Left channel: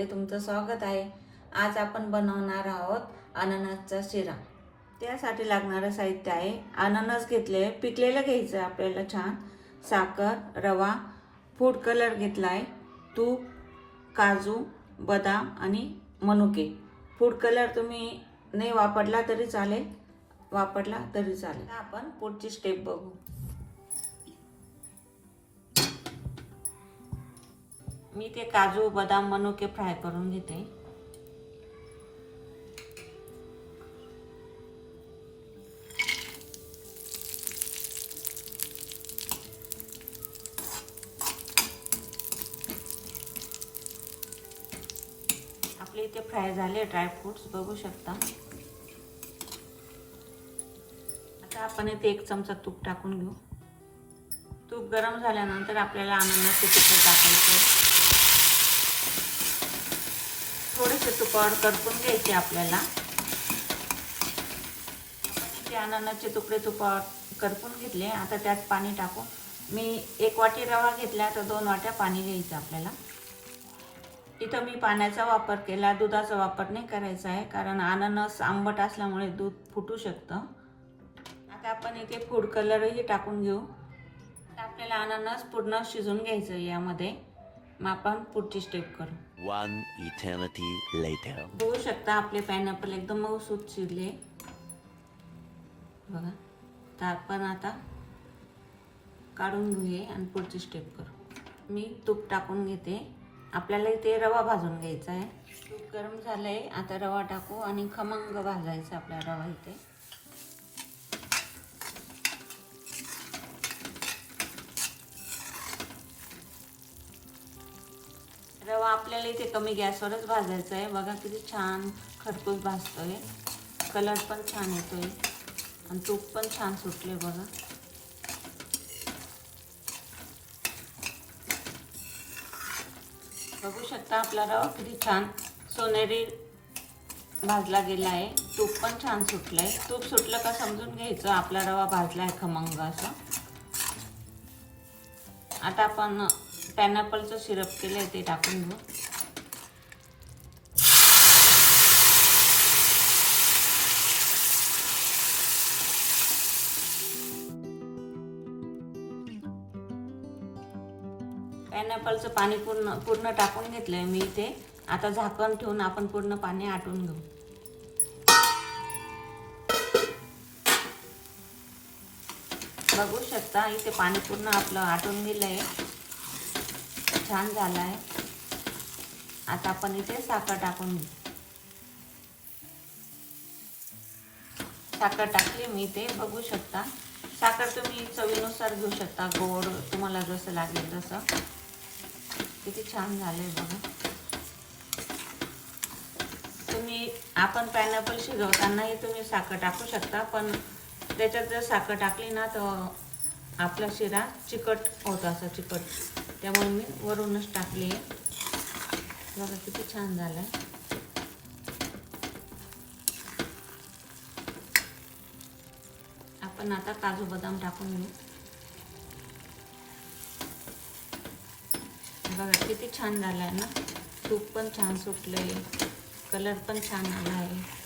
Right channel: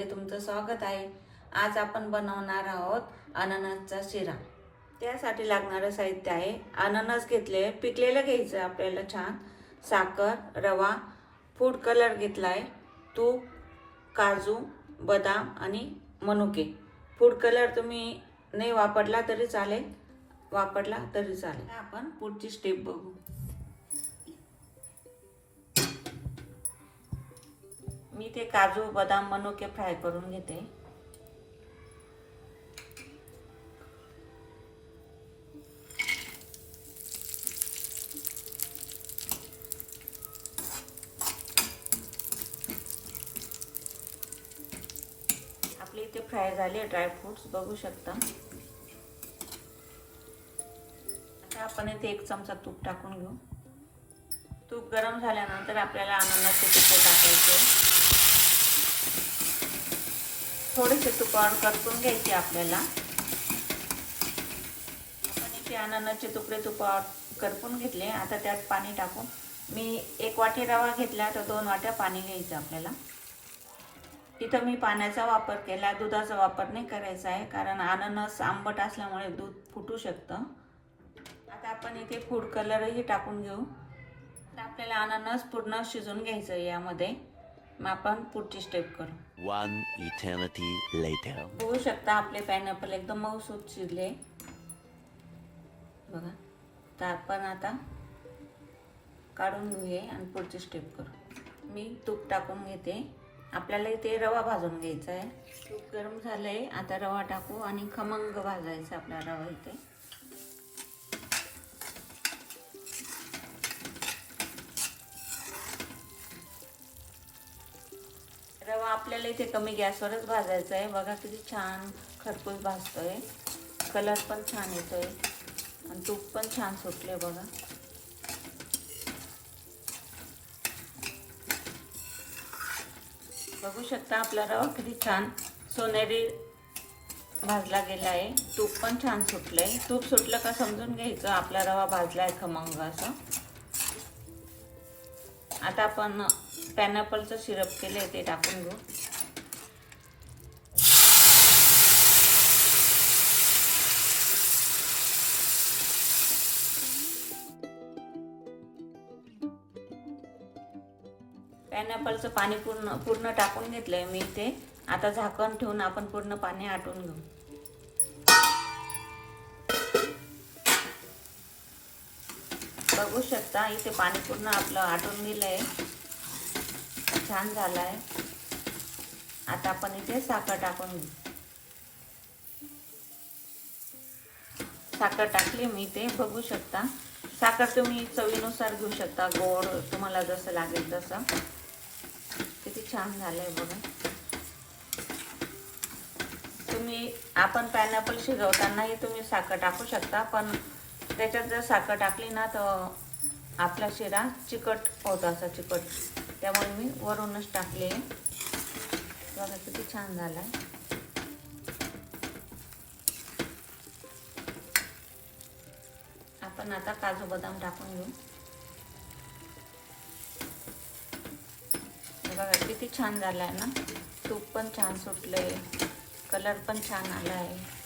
चॅनलमध्ये तुमचं स्वागत आहे। आज आपण बनवणार आहोत अननसचा शिरा। त्यासाठी लागणारे साहित्य आहे अननस घेतले, पिकलेलं घ्यायचं आपल्याला छान, साखर, रवा, फूड कलर घेतलाय, तूप, काजू, बदाम आणि मनुके। फूड कलर तुम्ही नाही वापरला तरी चालेल, वापरला तरी चालेल। आपण पुढची स्टेप बघू। मी ते काजू, बदाम, मनुके फ्राय करून घेते। आपले इथे फ्राय झाले ड्रायफ्रुट्स, बघू शकता। आता आपण इथे 1 चमचा तूप टाकून घेऊ। तूप गरम झाल्यानंतर आपल्याला अननसचे तुकडे टाकायचे। थोडेसे तुपावर करपून घ्यायचे आपल्याला। इथे अननसचे तुकडे तुपावर करपून घेतले। आता त्यात पाणी टाकू। मी 1 वाटी रवा घेतला तर 2 वाट्या पाणी घ्यायचं आपल्याला। इथं मी पाण्याचा वापर केला, दुधाचा वापर नाही करायचा आहे, कारण अननस आंबट असल्यामुळे दूध फुटू शकतं। आता आपण इथे फूड कलरही टाकून घेऊ। आपल्याला अननस पूर्ण शिजून घ्यायचं यामध्ये। मग आपण पुढची स्टेप करू। 1 eternity later. बघू शकता आपले पायनॅपल एकदम मऊसूत शिजले बघा। तर आपण आता काढून घेऊया आणि पुढची स्टेप करू। मी तूप टाकून घेते। आपल्याला इथे रवा भाजून घ्यायचा आहे। तूप गरम झालंय, आता रवा टाकू आणि खमंग भाजायचा आपला रवा इथे। रवा आपल्याला इथे कमी गॅसवरच भाजायचा आहे। बघा किती छान खरपूस भाजतोय, कलर पण छान येतोय आणि तूप पण छान सुटले बघा। बघू शकता आपला रवा किती छान सोनेरी भाजला गेला आहे। तूप पण छान सुटलंय। तूप सुटलं का समजून घ्यायचं आपला रवा भाजला आहे खमंग असं। आता आपण पायनॅपलचं सिरप केलंय ते टाकून घेऊ। पायनॅपलचं पाणी पूर्ण टाकून घेतलंय मी इथे। आता झाकण ठेवून आपण पूर्ण पाणी आटून घेऊ। बघू शकता इथे पाणी पूर्ण आपलं आटून गेलंय, छान झालाय। आता आपण इथे साखर टाकून घेऊ। साखर टाकली मी इथे, बघू शकता। साखर तुम्ही चवीनुसार घेऊ शकता, गोड तुम्हाला जसं लागेल तसं। किती छान झालंय बघा। आपण पायनॅपल शिजवतानाही तुम्ही साखर टाकू शकता, पण त्याच्यात जर साखर टाकली ना तर आपला शिरा चिकट होतो, असा चिकट। त्यामुळे मी वरूनच टाकली आहे। बघा किती छान झालं। आपण आता काजू बदाम टाकून घेऊ। बघा किती छान झालाय ना, तूप पण छान सुटलंय, कलर पण छान आला आहे।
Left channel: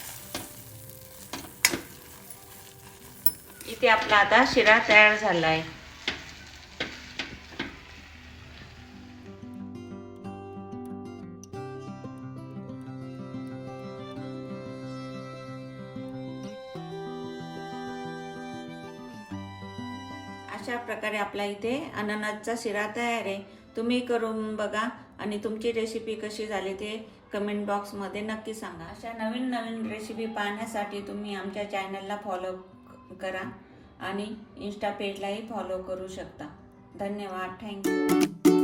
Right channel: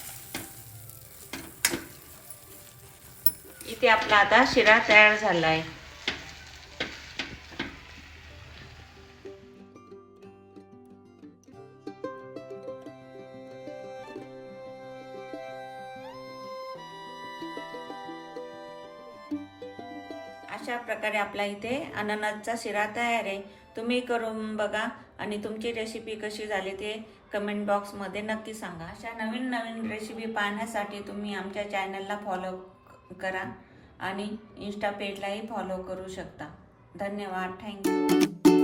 इथे आपला आता शिरा तयार झाला आहे। अशा प्रकारे आपला इथे अननसचा शिरा तयार आहे। तुम्ही करून बघा आणि तुमची रेसिपी कशी झाली ते कमेंट बॉक्समध्ये नक्की सांगा। अशा नवीन रेसिपी पाहण्यासाठी तुम्ही आमच्या चॅनलला फॉलो करा आणि इंस्टा पेजलाही फॉलो करू शकता। धन्यवाद, थँक्यू।